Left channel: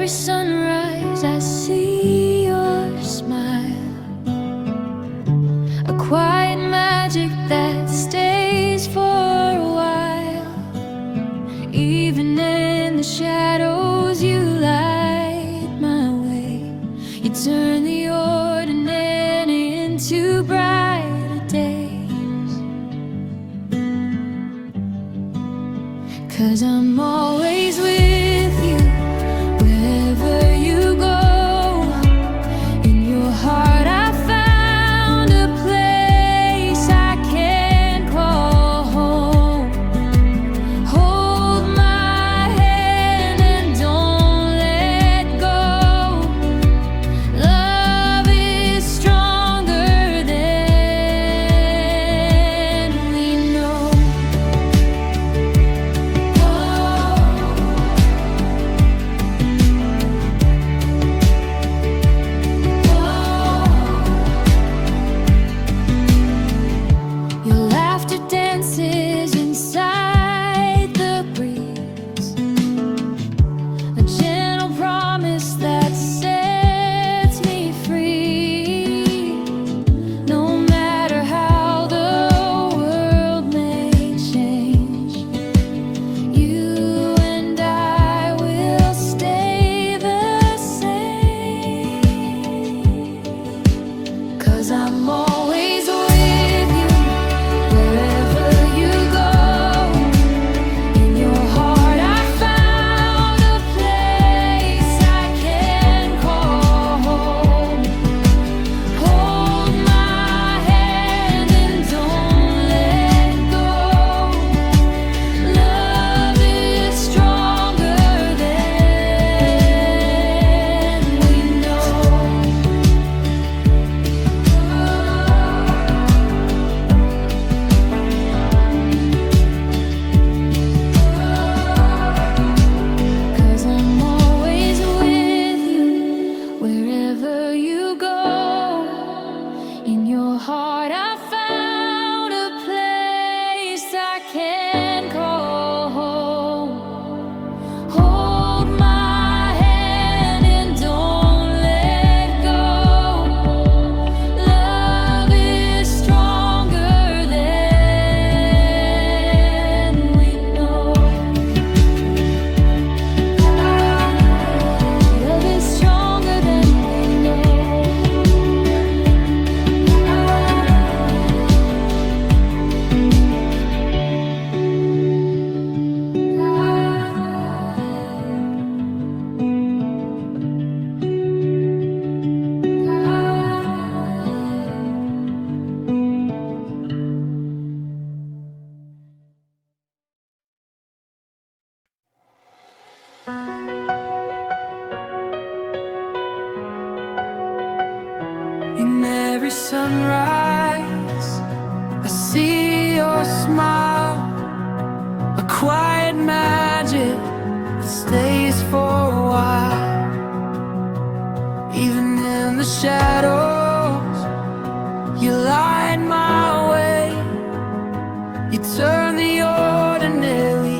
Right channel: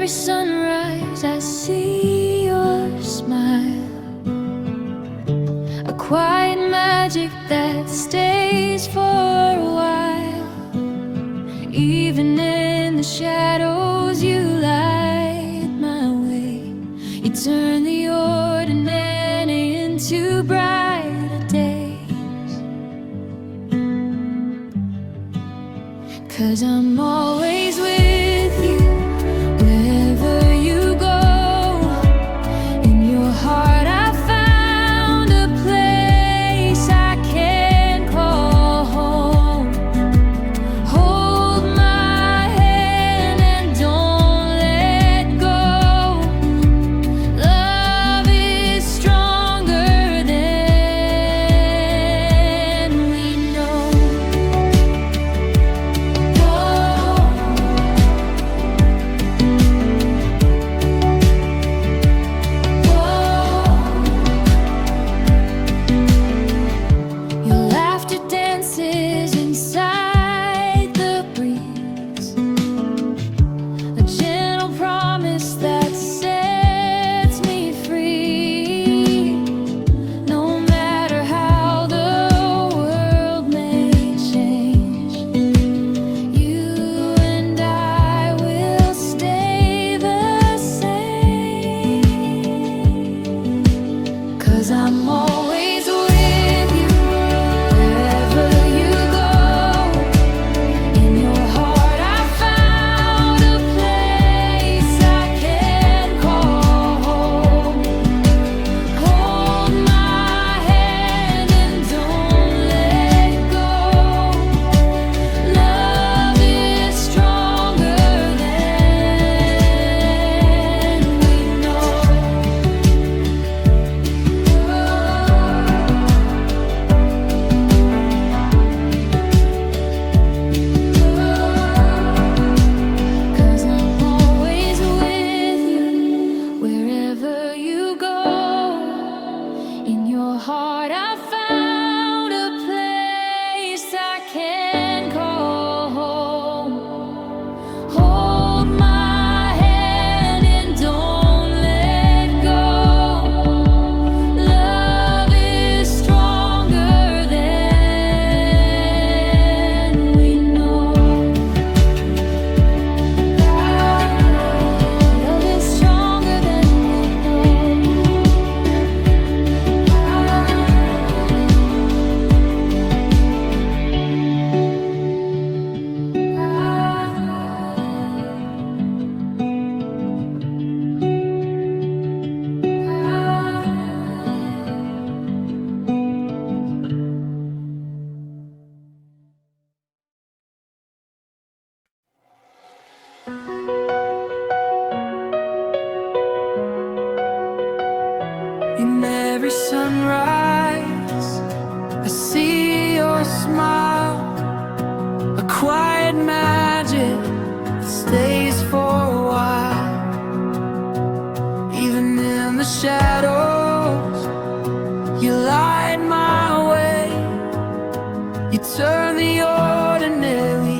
every sunrise I see your smile, a quiet magic that stays for a while. Even in the shadows you light my way. You turn the ordinary into brighter days. 'Cause I'm always with you wherever you go. In your heart I found a place I can call home. Hold my hand and don't let go. Love is stronger than we know. Your laughter dances inside the breeze, a gentle promise that sets me free. No matter how the world may change, you and I will stay the same. 'Cause I'm always with you wherever you go. In your heart I found a place I can call home. Hold my hand and don't let go. Love is stronger than we know. 'Cause I'm always with you wherever you go. In your heart I found a place I can call home. Hold my hand and don't let go. Love is stronger than we know. Love is stronger than we know. In every sunrise, I see your smile, a quiet magic that stays for a while. Even in the shadows, you light my way. You turn the ordinary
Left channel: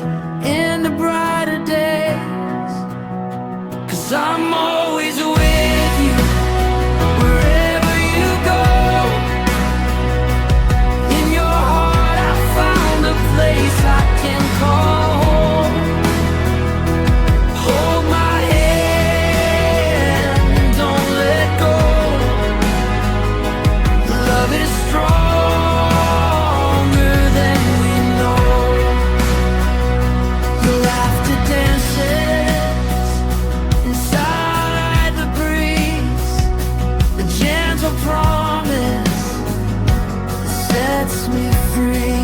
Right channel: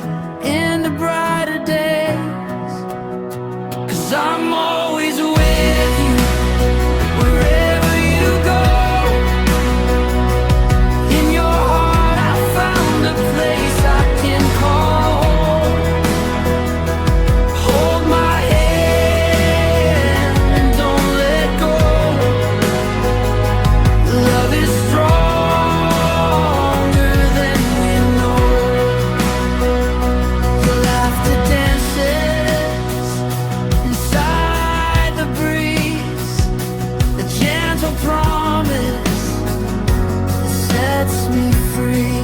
into brighter days. 'Cause I'm always with you wherever you go. In your heart I found a place I can call home. Hold my hand and don't let go. Love is stronger than we know. Your laughter dances inside the breeze, a gentle promise that sets me free.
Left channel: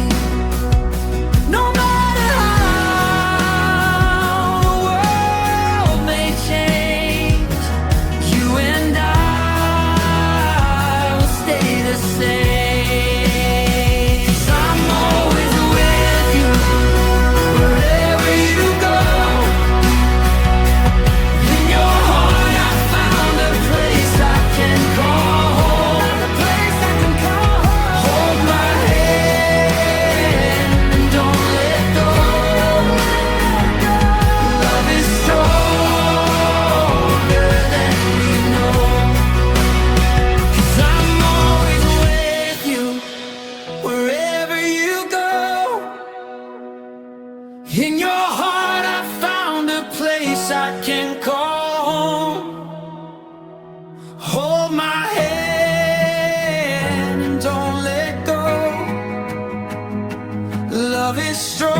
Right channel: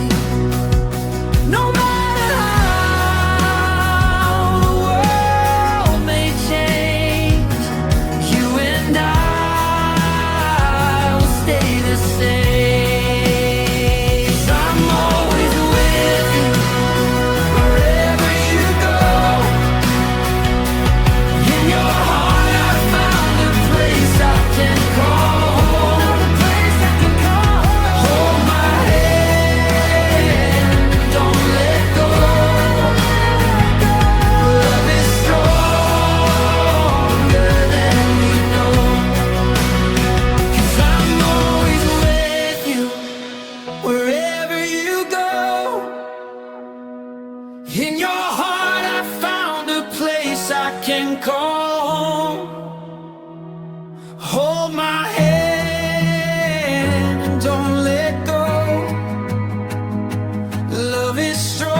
No matter how the world may change, you and I will stay the same. 'Cause I'm always with you wherever you go. In your heart I found a place I can call home. A place I can call home. Hold my hand place I can call home. Hold my hand and don't let go. Love is stronger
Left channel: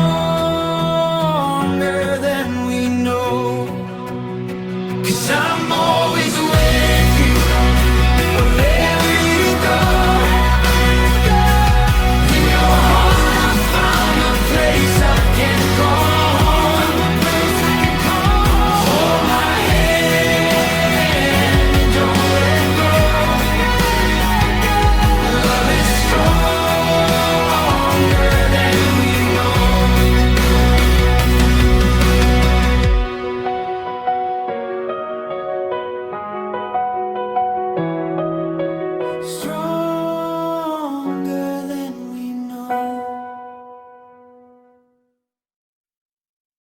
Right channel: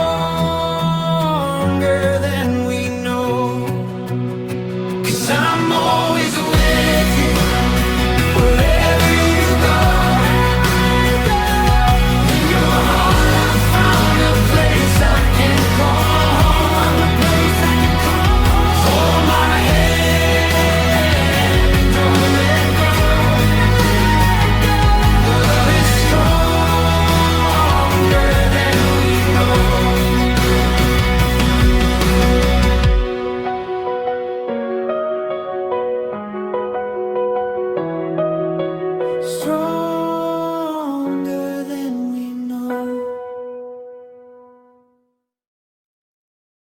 than we know. 'Cause I'm always with you, wherever you go. In your heart I found a place I can call home. Hold my hand, don't let go. Love is stronger than we know. Strong.